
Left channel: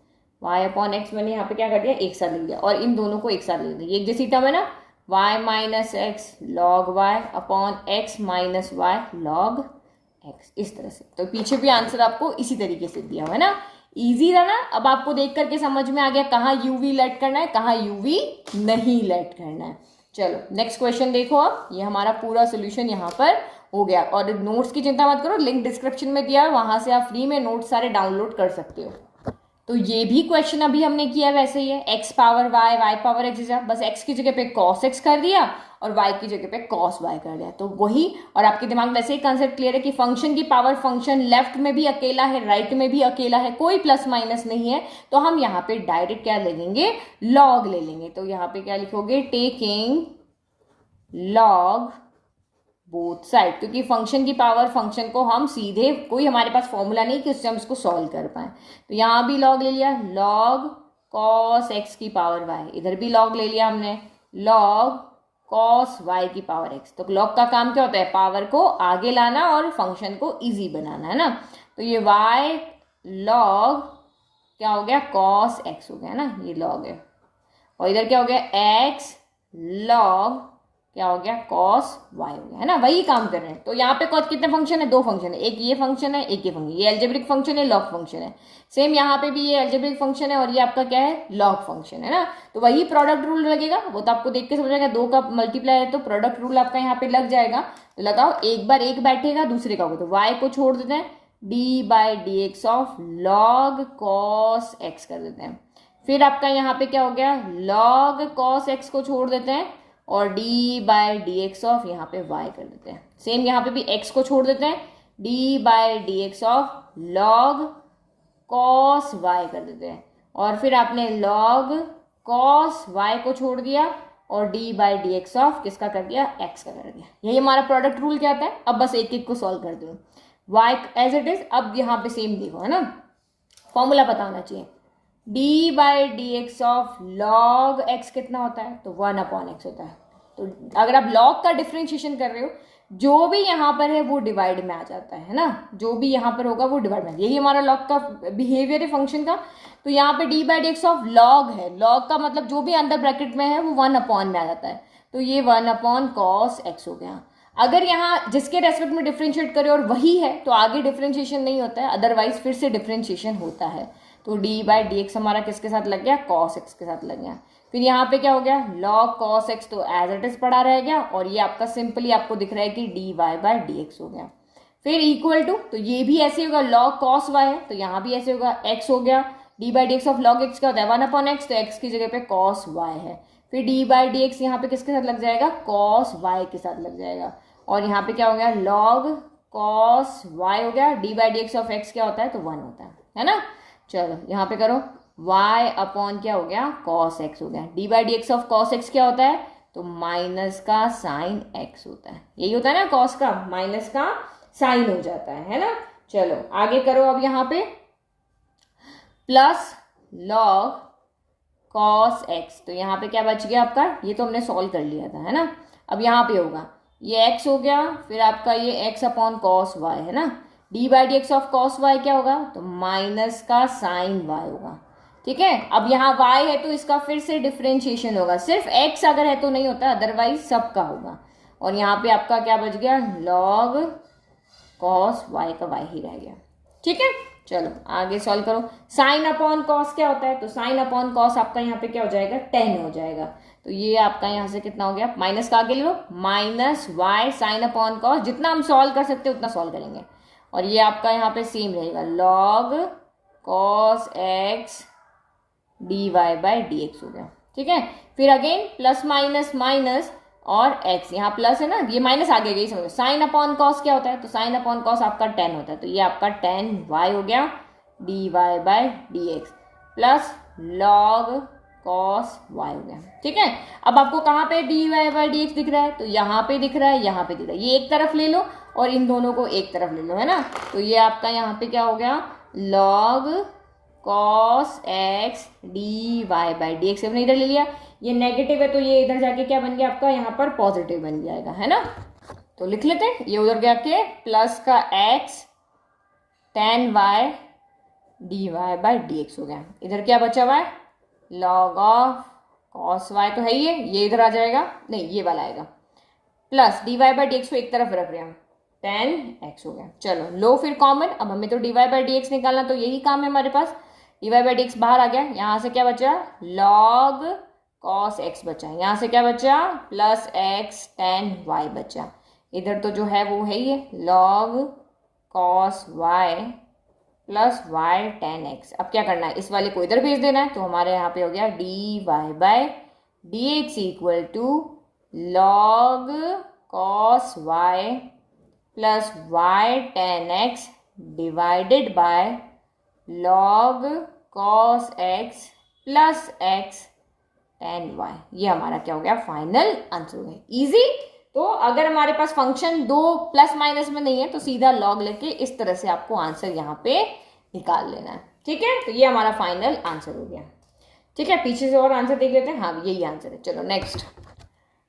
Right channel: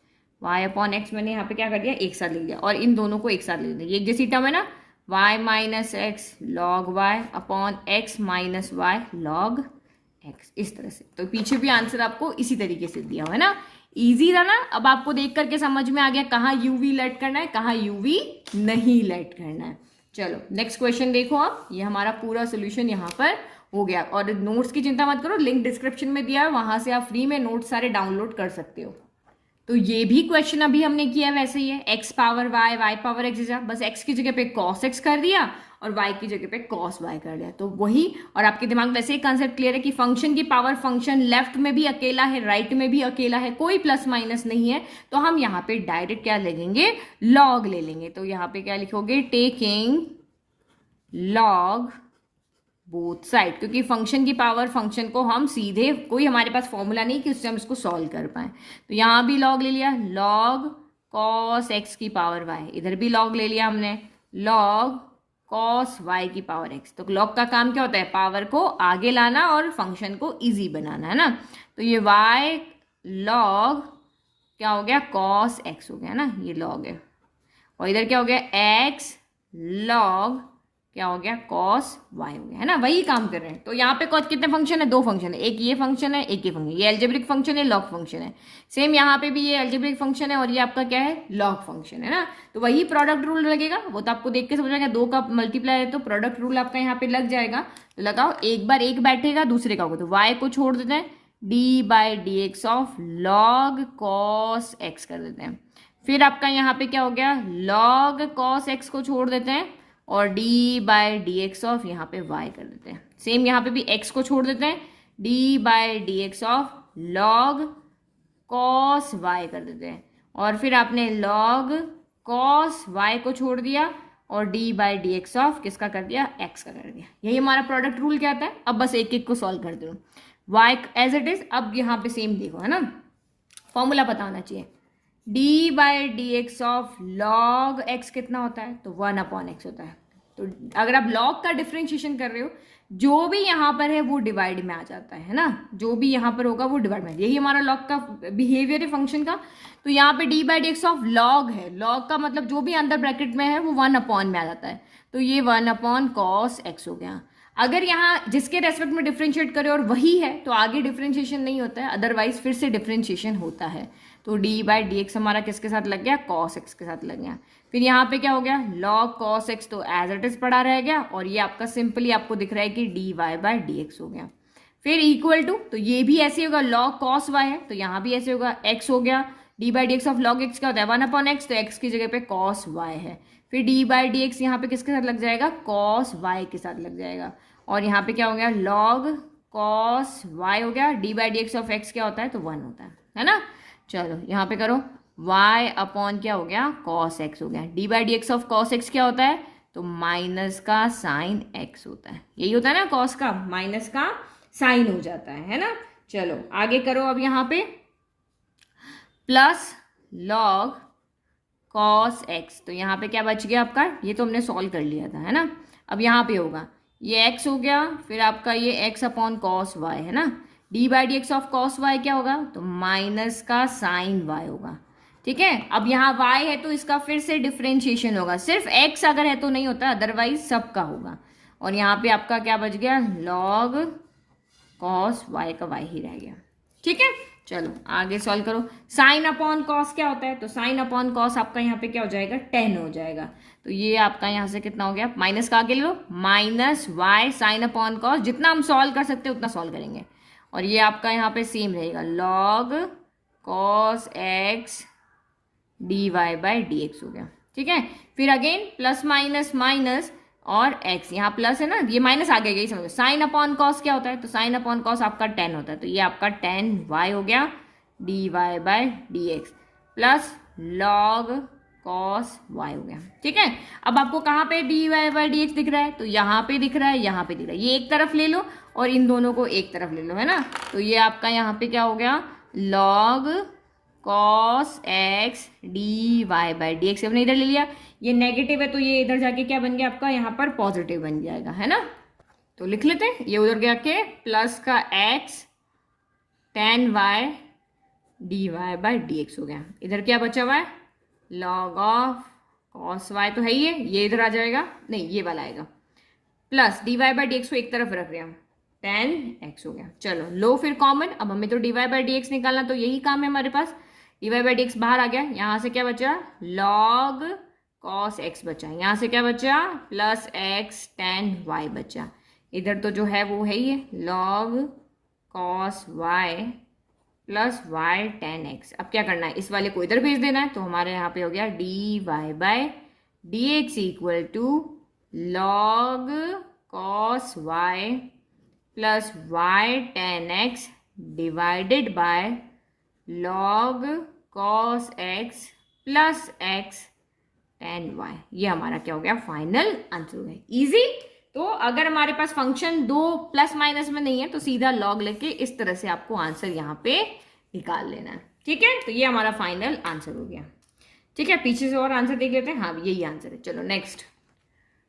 y अपॉन एक्स मैंने यहाँ पे क्या कर दिया, एक साथ लिख दिया, और इन दोनों को एक साथ लिख दिया, ये एक जैसी टर्म है ना, y minus x log y upon x minus y log x, इस तरह से। तो पीछे भी आंसर आपको इसी तरीके से दिया हुआ है ना, इजी था ना। अब आपको देख करके समझ में आ गया कहाँ यूवी लेट करना है, कहाँ यूवी नहीं लेट करना है। चलो नेक्स्ट क्वेश्चन देखो। अब ये हमारा पूरा सोल्यूशन यहाँ पर हो गया, और नोट्स की चिंता मत करो, लिंक डिस्क्रिप्शन में दिया है, वहां से आप फ्री में नोट्स सारे डाउनलोड कर सकते हो। तो ये भी क्वेश्चन अभी हमने किया वैसे ही है, x power y y power x, बस x की जगह पे cos x कर दिया और y की जगह पे cos y कर दिया, तो वही। और आपके दिमाग में वैसे ही कंसेप्ट क्लियर है कि फंक्शन की पावर फंक्शन लेफ्ट में भी अकेला है, राइट में भी अकेला है, कोई प्लस माइनस नहीं है, तो हम यहाँ पे डायरेक्ट क्या ले लेंगे, लॉग ले लेंगे। तो यहाँ पे क्या लिखोगे, टेकिंग लॉग बोथ साइड, क्योंकि फंक्शन की पावर फंक्शन को हम सीधे, कोई हमारे पास फॉर्मूला नहीं कि उससे हम इसको सॉल्व कर पाए, तो यहाँ भी लॉग ले लिया, लॉग कॉस एक्स की पावर वाई, इधर भी लॉग ले लिया हमने, लॉग कॉस वाई की पावर एक्स। तो लॉग का काम क्या होता है, पावर को आगे लाना और फंक्शन को इजी बनाना, है ना। तो ये वाई लॉग क्या हो गया, कॉस एक्स हो गया ना, ये लॉग है, और इधर क्या हो गया, एक्स लॉग क्या हो गया, cos y हो गया, है ना। वही काम कर रहे हैं। तो यहाँ पे कितने फंक्शन है, 2 फंक्शन है, एक ये फंक्शन है, एक ये फंक्शन, ये एल्जेब्रिक फंक्शन है, लॉग फंक्शन है। सेम यहाँ पे भी ये एल्जेब्रिक फंक्शन है और ये आपका क्या है, लॉग फंक्शन है ना। तो वही प्रोडक्ट रूल लगेगा, वो तो आपको देख के समझ आएगा, 2 का मल्टीप्लाई है तो प्रोडक्ट रूल आपका यहाँ पे लग जाएगा। तो लगाओ, एक बार एक बैठेगा दूसरे का होगा, तो y को छोड़ देते हैं, D by D x of log cos x कर देते हैं। फिर आपका यहाँ पे क्या हो गया, लॉग कॉस एक्स को छोड़ देते हैं और D by D x of यहाँ पे y कर देते हैं। सेम यहाँ पे भी x को छोड़ देते हैं, D by D x of log cos y कर देते हैं, और फिर आपने लॉग कॉस y को छोड़ दिया और D by D x of किसका कर दिया, x का कर दिया। यही हमारा प्रोडक्ट रूल क्या आता है। अब बस एक एक को सॉल्व करते हो, y एज इट इज। अब यहाँ पे सेम देखो, है ना, फॉर्मूला पता होना चाहिए, D by D x of log x कितना होता है, तो 1/x होता है। तो अगर आप लॉग का डिफरेंशिएशन कर रहे हो जो भी यहाँ पर है वो डिवाइड में आ जाता है ना, जो भी यहाँ पर होगा वो डिवाइड में, यही हमारा लॉग का बिहेवियर है फंक्शन का। तो यहाँ पे d by D x of log है, लॉग का मतलब जो भी अंदर ब्रैकेट में है वो 1 में आ जाता है, तो ये 1 cos x हो गया। अगर यहाँ जिसके रेस्पेक्ट में डिफ्रेंशिएट करे और वही है तो आगे डिफ्रेंशिएशन नहीं होता है, अदरवाइज फिर से डिफ्रेंशिएशन होता है। तो डी बाई डी एक्स हमारा किसके साथ लग गया, cos x के साथ लग गया। फिर यहाँ पे क्या हो गया, log cos x तो एज इट इज पड़ा रह गया, और ये आपका सिंपली आपको दिख रहा है कि d Y by D x हो गया। फिर इक्वल टू, तो ये भी ऐसे होगा, log cos y है तो यहाँ भी ऐसे होगा, x हो गया। D by D x of log x क्या होता है, 1/x, तो x की जगह पे cos y है। फिर डी बाई डी एक्स यहाँ पे किसके साथ लग जाएगा, cos y के साथ लग जाएगा। और यहाँ पे क्या हो गया, log cos y हो गया। D by D x of x क्या होता है, तो 1 होता है ना। चलो यहाँ पे करो, y अपॉन क्या हो गया, cos x हो गया। D by D x of cos x क्या होता है, तो माइनस का साइन x होता है, यही होता है ना, cos का माइनस का साइन हो जाता है ना। चलो आगे करो, अब यहाँ पे प्लस log cos x, तो यहाँ पे क्या बच गया आपका, ये तो हमने सॉल्व कर लिया था है ना। अब यहाँ पे होगा ये x हो गया, फिर आपका ये x अपॉन cos y है ना। D by D x of cos y क्या होगा, तो माइनस का साइन y होगा, ठीक है। अब यहाँ y है तो इसका फिर से डिफ्रेंशिएशन होगा, सिर्फ x अगर है तो नहीं होता, अदरवाइज सबका होगा। और यहाँ पे आपका क्या बच गया, log cos y का y ही रह गया, ठीक है। चलो आगे सॉल्व करो, साइन अपॉन कॉस क्या होता है, तो साइन अपॉन कॉस आपका यहाँ पे क्या हो जाएगा, 10 हो जाएगा। तो ये आपका यहाँ से कितना हो गया, माइनस का आगे लो, minus Y sine upon cos, जितना हम सॉल्व कर सकते हैं उतना सॉल्व करेंगे। और ये आपका यहाँ पे सेम रहेगा, log cos x d Y by D x हो गया, ठीक है। फिर अगेन प्लस माइनस माइनस और x, यहाँ प्लस है ना, ये माइनस आ गया, यही समझो। साइन अपॉन कॉस क्या होता है, तो साइन अपॉन कॉस आपका 10 होता है, तो ये आपका 10y हो गया d Y by D x plus log cos y हो गया, ठीक है। अब आपको कहाँ पे d Y by D x दिख रहा है, तो यहाँ पे दिख रहा है, यहाँ पे दिख रहा है, ये एक तरफ ले लो और इन दोनों को एक तरफ ले लो, है ना। तो ये आपका यहाँ पे क्या हो गया, log cos x d Y by D x, अपने इधर ले लिया, ये नेगेटिव है तो ये इधर जाके क्या बन गया आपका, यहाँ पर पॉजिटिव बन जाएगा, है ना। तो लिख लेते हैं, ये उधर गया के प्लस का x tan y d Y by D x हो गया। इधर क्या बचा हुआ है, log ऑफ cos y तो है ही है, ये इधर आ जाएगा, नहीं ये वाला आएगा, plus d Y by D x को एक तरफ रख रहे हैं, tan x हो गया। चलो लो फिर कॉमन, अब हमें तो D Y by D x निकालना, तो यही काम है हमारे पास। D Y by D x बाहर आ गया, यहाँ से क्या बचा, log cos x बचा, यहाँ से क्या बचा, प्लस x tan y बचा। इधर तो जो है वो है ही है, log cos y प्लस y tan x। अब क्या करना है, इस वाले को इधर भेज देना है, तो हमारे यहाँ पे हो गया d Y by D x equal to log cos y प्लस y tan x divided by log cos x plus x tan y। ये हमारा क्या हो गया, फाइनल आंसर है। इजी। तो अगर हमारे पास फंक्शन दो प्लस माइनस में नहीं है तो सीधा लॉग लेके इस तरह से आपको आंसर यहाँ पे निकाल लेना है, ठीक है। तो ये हमारा फाइनल आंसर हो गया, ठीक है। पीछे से और आंसर देख लेते हैं, हाँ यही आंसर है। चलो नेक्स्ट,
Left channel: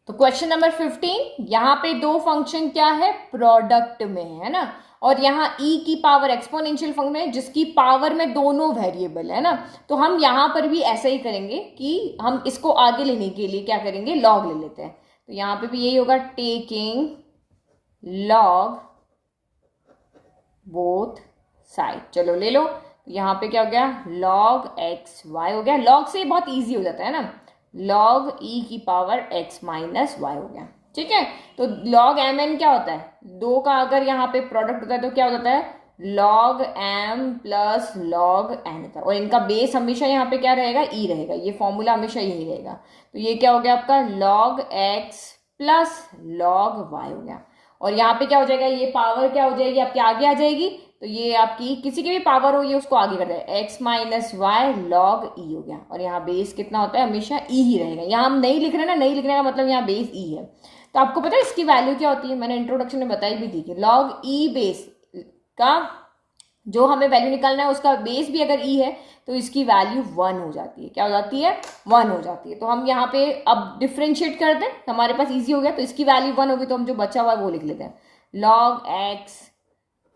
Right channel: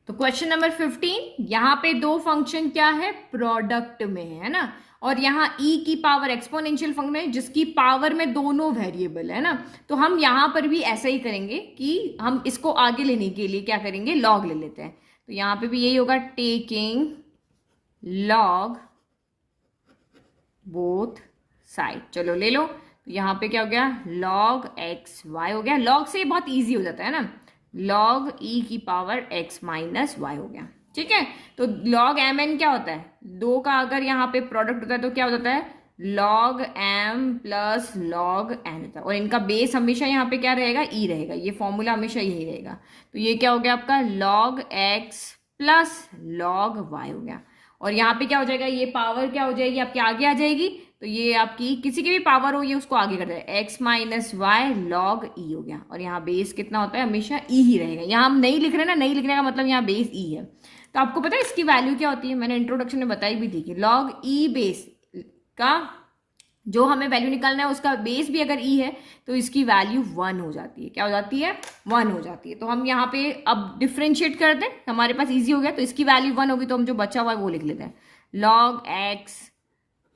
तो क्वेश्चन नंबर 15, यहाँ पे दो फंक्शन क्या है, प्रोडक्ट में है ना, और यहाँ e की पावर एक्सपोनेंशियल फंक्शन है जिसकी पावर में दोनों वेरिएबल है ना। तो हम यहाँ पर भी ऐसा ही करेंगे कि हम इसको आगे लेने के लिए क्या करेंगे, लॉग ले लेते हैं। तो यहाँ पे भी यही होगा, टेकिंग लॉग बोथ साइड। चलो ले लो, तो यहाँ पे क्या हो गया, लॉग एक्स वाई हो गया। लॉग से बहुत ईजी हो जाता है ना, लॉग ई की पावर एक्स माइनस वाई हो गया, ठीक है। तो log एम एन क्या होता है, दो का अगर यहाँ पे प्रोडक्ट होता है तो क्या हो जाता है, log m plus log n होता है, और इनका बेस हमेशा यहाँ पे क्या रहेगा, e रहेगा, ये फॉर्मूला हमेशा यही रहेगा। तो ये क्या हो गया आपका, log x plus log y हो गया, और यहाँ पे क्या हो जाएगा, ये पावर क्या हो जाएगी आपके आगे आ जाएगी, तो ये आपकी किसी की भी पावर हो ये उसको आगे कर देगा, x minus y log e हो गया, और यहाँ बेस कितना होता है, हमेशा e ही रहेगा। यहाँ हम नहीं लिख रहे ना, नहीं लिखने का मतलब यहाँ बेस e है। तो आपको पता है इसकी वैल्यू क्या होती है, मैंने इंट्रोडक्शन में बताई भी थी कि log e बेस का जो हमें वैल्यू निकालना है उसका बेस भी अगर ई है तो इसकी वैल्यू 1 हो जाती है। क्या हो जाती है? 1 हो जाती है। तो हम यहाँ पे अब डिफ्रेंशिएट कर दें, हमारे पास इजी हो गया। तो इसकी वैल्यू 1 होगी, तो हम जो बचा हुआ है वो लिख लेते हैं, log x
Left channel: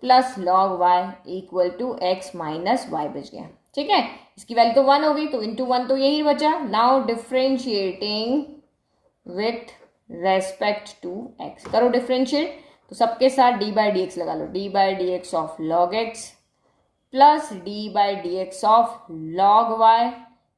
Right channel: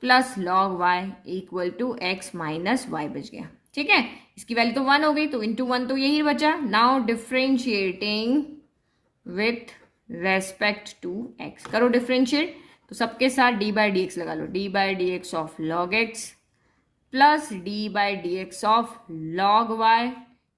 plus log y equal to x minus y बच गया। ठीक है, इसकी वैल्यू तो 1 हो गई, तो इंटू 1 तो यही बचा। Now differentiating with respect to x, करो डिफ्रेंशिएट। तो सबके साथ डी बाई डी एक्स लगा लो, D by D x of log X plus D by D x of log Y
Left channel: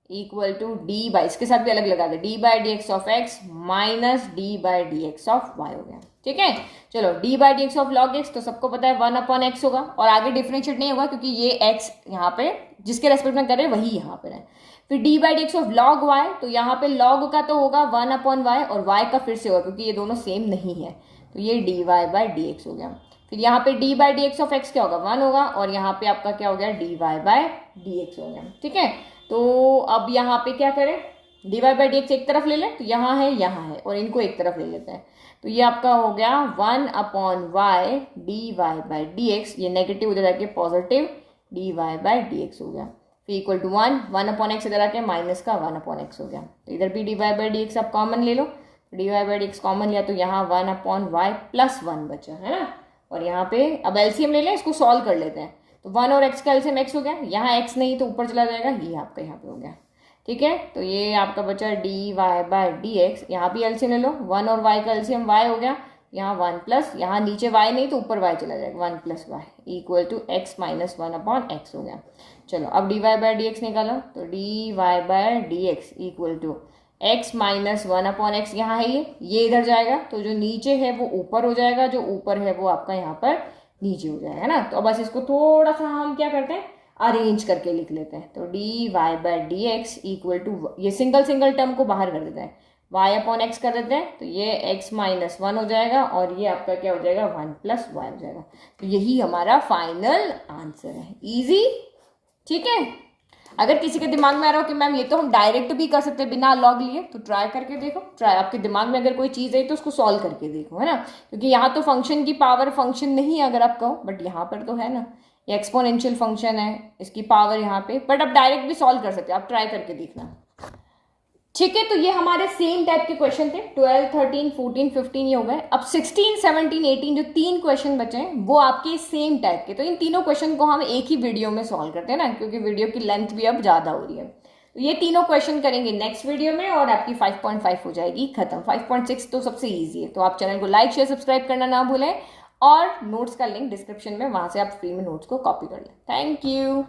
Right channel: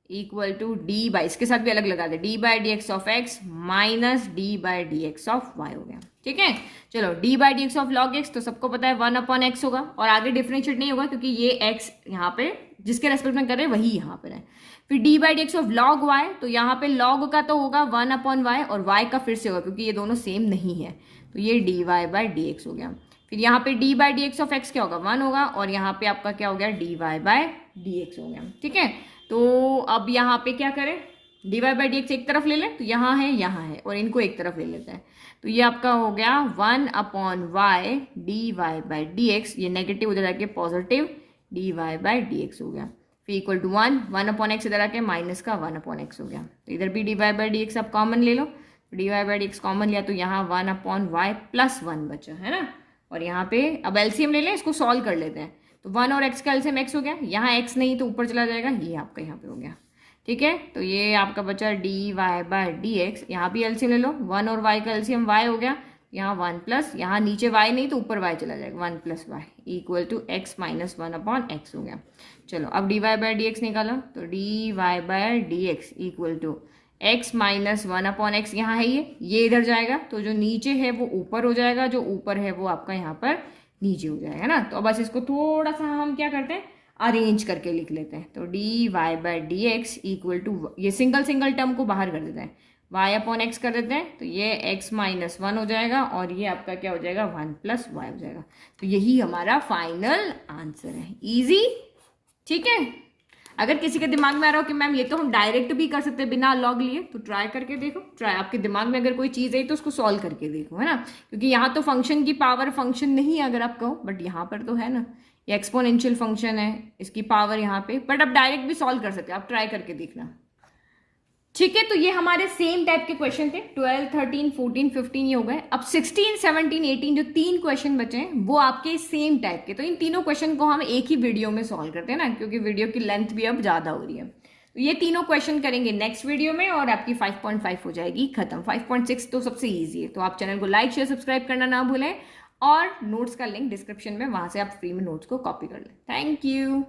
equal to D by, इसके साथ भी अलग लगा दे, D by D x of X minus D by D x of Y हो गया। ठीक है, चलो D by D x of log x तो सबको पता है 1 अपॉन एक्स होगा, और आगे डिफरेंशिएट नहीं होगा क्योंकि ये एक्स यहाँ पे जिसके रेस्पेक्ट में कर रहे हैं वही यहाँ पे है। फिर d by D x of log y, तो यहाँ पे लॉग का तो होगा 1 अपॉन वाई, और वाई का फिर से होगा क्योंकि ये दोनों सेम नहीं है, तो ये d Y by D x हो गया। फिर यहाँ पे d by D x of x क्या होगा? 1 होगा, और यहाँ पे आपका क्या हो गया? D Y by D x हो गया। ठीक है, तो अब यहाँ पे क्या करें, d Y by D x एक तरफ ले लें, तो यहाँ है, और इनको एक तरफ ले लेते हैं। तो ये आपका हो गया 1 upon y d Y by D x, ये नेगेटिव उधर जाके positive d Y by D x हो गया। फिर इक्वल टू 1 अपॉन एक्स इधर आके माइनस का 1 अपॉन एक्स हो गया। तो इधर भी D Y by D X आप कॉमन ले लो, D Y by D X common लिया तो यहाँ 1 अपॉन वाई प्लस 1 बचा, है ना। और यहाँ पे अब एलसीएम ले लें, इसको सॉल्व कर लेते हैं। तो 1 और x का एलसीएम x हो गया, यहाँ x नहीं तो ऊपर चला जाएगा, ये आपका यहाँ पे हो गया। ठीक है, तो ये आपका बचा d Y by D x, यहाँ भी एलसीएम ले लो, 1 और y का एलसीएम y हो गया, यहाँ 1 प्लस, यहाँ नीचे y नहीं तो ऊपर y चला जाएगा, 1 plus y equal to x minus 1 upon x हो गया। चलो अब d Y by D x निकालो, तो D Y by D x equal to x minus 1 upon x, यहाँ है ये इधर जाएगा, तो जो नीचे है वो ऊपर हो जाएगा, जो ऊपर है वो आपका यहाँ पर नीचे हो जाएगा ना। तो अब बस इसको थोड़ा सा हम क्या करते हैं, अरेंज करके लिख लेते हैं। तो D Y by D x equal to, ये सिंगल टर्म को बाहर कर देते हैं, y अपॉन एक्स कर देते हैं, तो ये x माइनस 1 हो जाएगा, और ये आपका क्या हो जाएगा? 1 प्लस वाई हो जाएगा। तो यही हमारा फाइनल आंसर है। इजी, ठीक है। अगर किसी के दिमाग में आ रहा हो कि मैम ये तो हम डायरेक्ट भी कर सकते हैं बिना लॉग लिए, तो ट्राई करके देखो। ट्राई, आपके दिमाग में अगर कोई चीज़ है तो उसको सॉल्व करके देखो, है ना। क्योंकि यहाँ तो फंक्शन की पावर फंक्शन नहीं है अगर आप कहो, बट यहाँ पर तो है ना, ये एक्सपोनेंशियल फंक्शन है, इसकी पावर यहाँ पे, बट आप डायरेक्ट भी सॉल्व कर सकते हो, आप ट्राई करके देखना। ठीक है, तो ये हमारे सेम टाइप के क्वेश्चन थे, 12, 13, 14, 15 ये हो गए। अब 16, 17, 18 जो 3 क्वेश्चन बचे हैं वो आपके सेम टाइप के। तो इन तीनों क्वेश्चन को हम एक ही वीडियो में सॉल्व करते हैं ना, क्योंकि वीडियो की लेंथ भी अब ज़्यादा हो रही है। तो ये तीनों क्वेश्चन करेंगे नेक्स्ट वीडियो में, और आपकी 5.5 हो जाएगी खत्म। 5.6 तो सबसे ईजी है। तो आप चैनल को लाइक शेयर सब्सक्राइब करना ना भूलें, और नोट्स का लिंक डिस्क्रिप्शन में, वहाँ से आप फ्री में नोट्स को कॉपी कर लें। Thank you.